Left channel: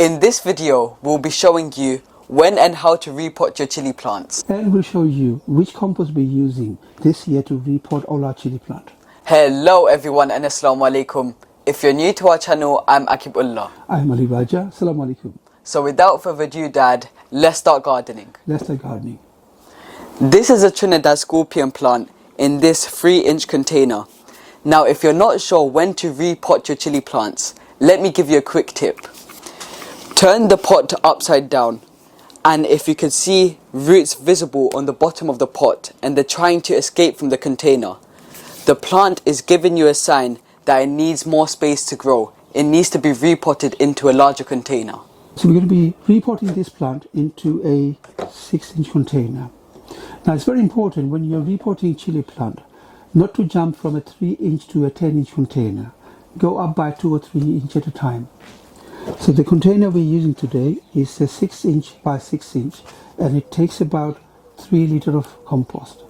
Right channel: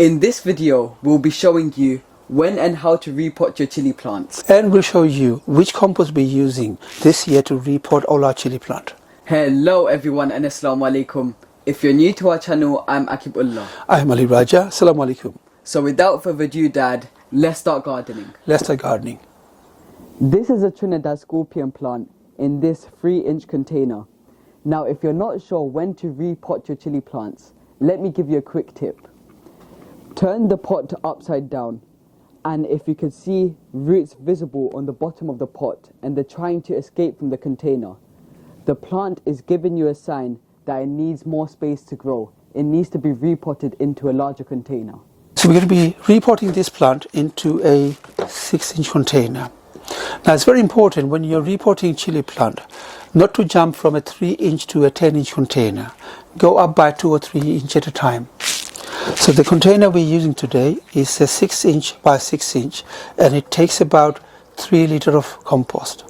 In this video, we'll be showing you when and how to repot your chili plants. And we'll show you which compost we're using this year to repot all our chili plant. Hello everyone and Assalamu alaikum. If you're new to our channel, I'm Akibullah. I'm Ali Raja. Assalamu alaikum. So without further ado, Dad, let's start gardening. Let's start gardening. This is a Trinidad scorpion plant in this 3-inch container. Now if you're not sure when to repot your chili plants, let me give you a quick tip. Turn the pot upside down, and if you can see roots visible on the bottom of the pot and they're trying to escape from the container, the plant is giving you a sign that it needs more space to grow. It needs to be repotted into a larger container. So we're going to be repotting this plant into a 6-inch container. Now it's very important when you're repotting chili plant not to jump from a 3-inch to a 10-inch container. Go up by 2 or 3 inches at a time. So the container we're using today is a 6-inch by 6-inch, and it takes about 3 liters of compost.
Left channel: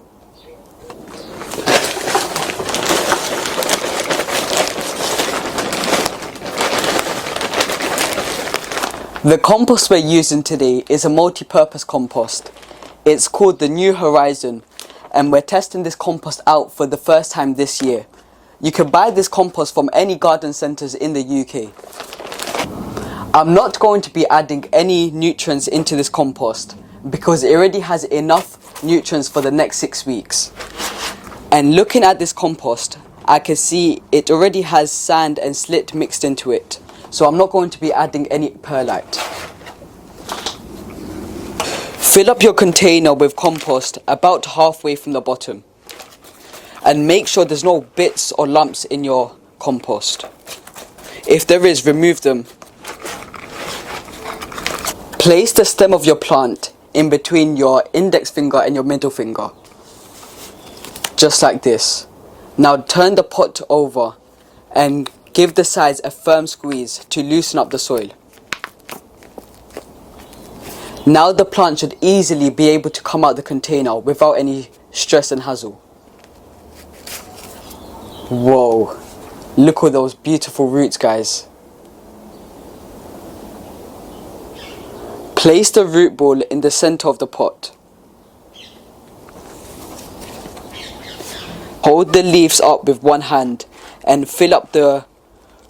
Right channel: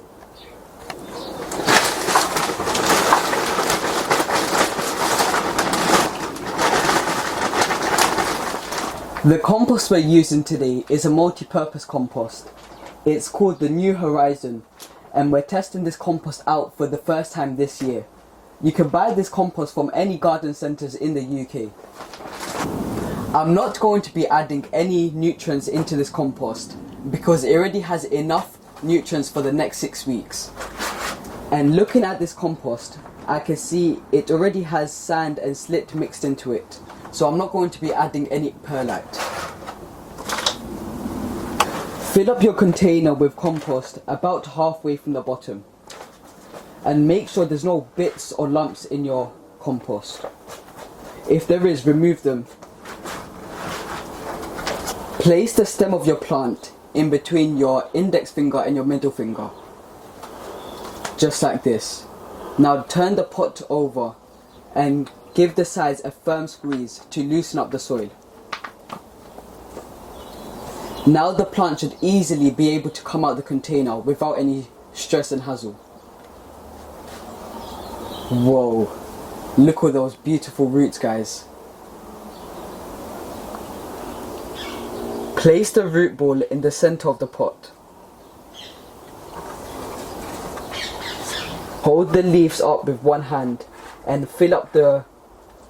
The compost we're using today is a multi-purpose compost. It's called the New Horizon, and we're testing this compost out for the first time this year. You can buy this compost from any garden centres in the UK. I'm not going to be adding any nutrients into this compost because it already has enough nutrients for the next 6 weeks. And looking at this compost, I can see it already has sand and slit mixed into it. So I'm not going to be adding any perlite. Fill up your container with compost about halfway from the bottom. And make sure there's no bits or lumps in your compost. If there is, remove them. Place the stem of your plant in between your index finger and your middle finger. Just like this. Now turn the pot over and give the sides a firm squeeze to loosen up the soil. Now the plant should easily be able to come out the container without any stress and hassle. Whoa, look at those beautiful roots, guys. Place the root ball in the center of the pot. Hold the leaves up with one hand and fill up the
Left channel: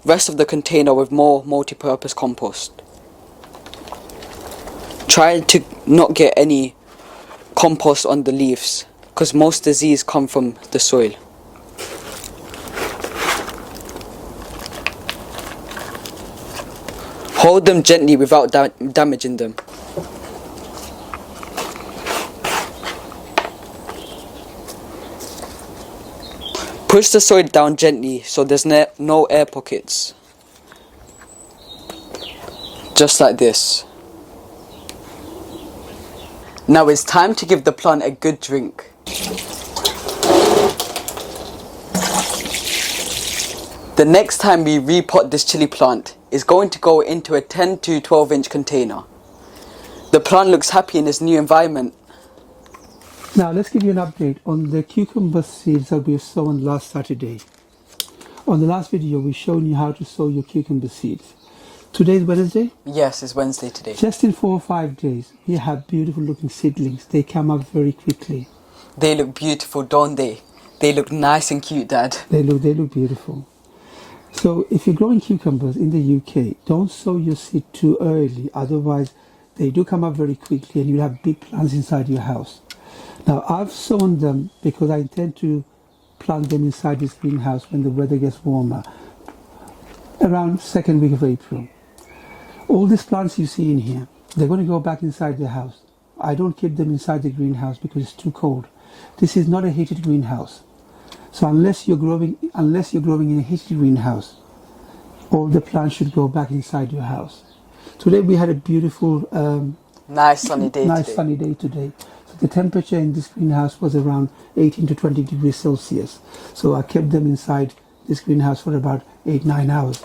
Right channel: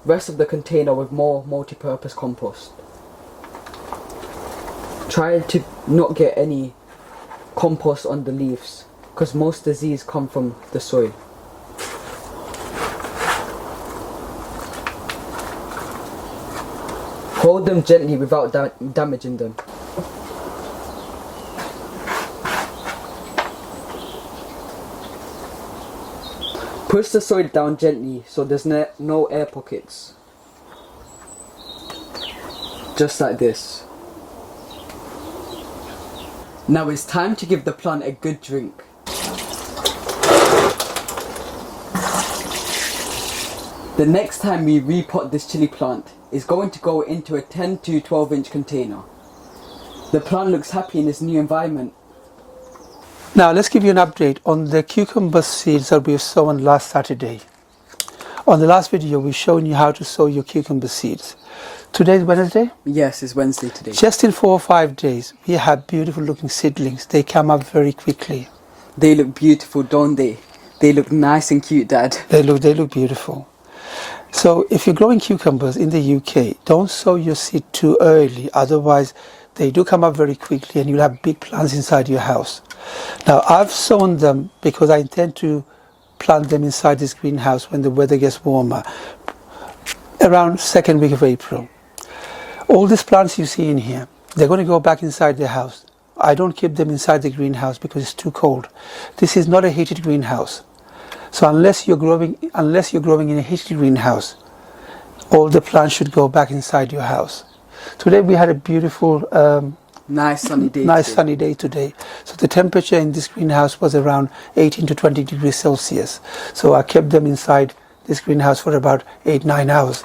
rest of the container with more multi-purpose compost. Try to not get any compost on the leaves because most disease come from the soil. Hold them gently without damaging them. Push the soil down gently so there's no air pockets. Just like this. Now it's time to give the plant a good drink. The next time we repot this chili plant is going to go into a 10 to 12-inch container. The plant looks happy in its new environment. Now let's give you an update on the cucumber seeds that we sown last Saturday. On the last video we've shown you how to sow your cucumber seeds. Today is Wednesday? Yes, it's Wednesday today. Just in 4 or 5 days we have beautiful looking seedlings. They come up very quickly. They look beautiful, don't they? They look nice and cute, Dad. They look beautiful. So if you're growing cucumbers in the UK, don't sow your seed too early, otherwise they do come up very quickly and you'll have big plants inside your house. Now I've sown them because I intend to plant them inside this greenhouse when the weather gets warmer, around 2nd week of April. All these plants you see in here, they're going to go back inside the house. I don't keep them inside the greenhouse because it's too cold. This is not a heated greenhouse. So unless you're growing in a heated greenhouse, all the plants should go back inside your house. Today we had a beautiful, nice sunny day today. So the temperature in this greenhouse was around 18 to 20 degrees Celsius. So I kept them inside this greenhouse for about 8-9 hours.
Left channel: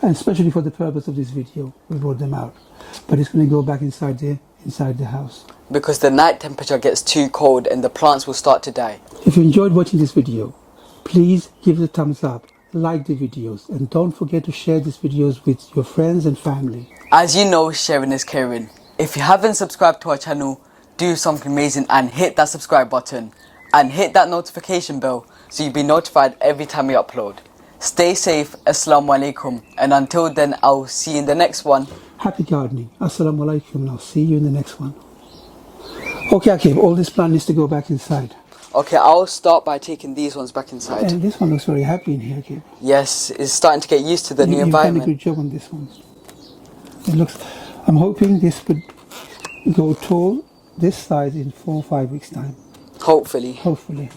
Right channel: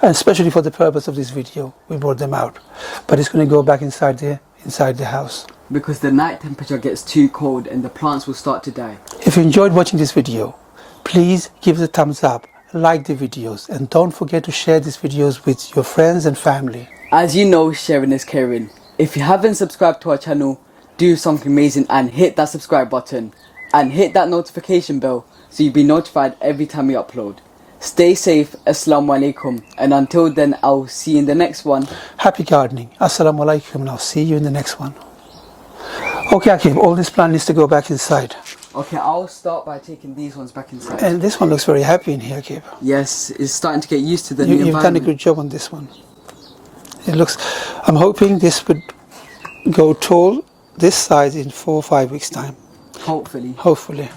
And especially for the purpose of this video, we brought them out. But it's going to go back inside the house. Because the night temperature gets too cold and the plants will start to die. If you enjoyed watching this video, please give it a thumbs up like the videos, and don't forget to share these videos with your friends and family. As you know, sharing is caring. If you haven't subscribed to our channel, do something amazing and hit that subscribe button. And hit that notification bell so you'll be notified every time we upload. Stay safe, Assalamu alaikum. And until then, I'll see you in the next one. Happy gardening. Assalamu alaikum, and I'll see you in the next one. Okay, Akib, all this plant needs to go back inside. Okay, I'll start by taking these ones back inside. And this one looks very happy in here, Akib. Yes, it's starting to get used to the new You've done a environment. good job on this one. It looks, I'm hoping this would go tall this size in 4 or 5 weeks' time. Hopefully. Hopefully.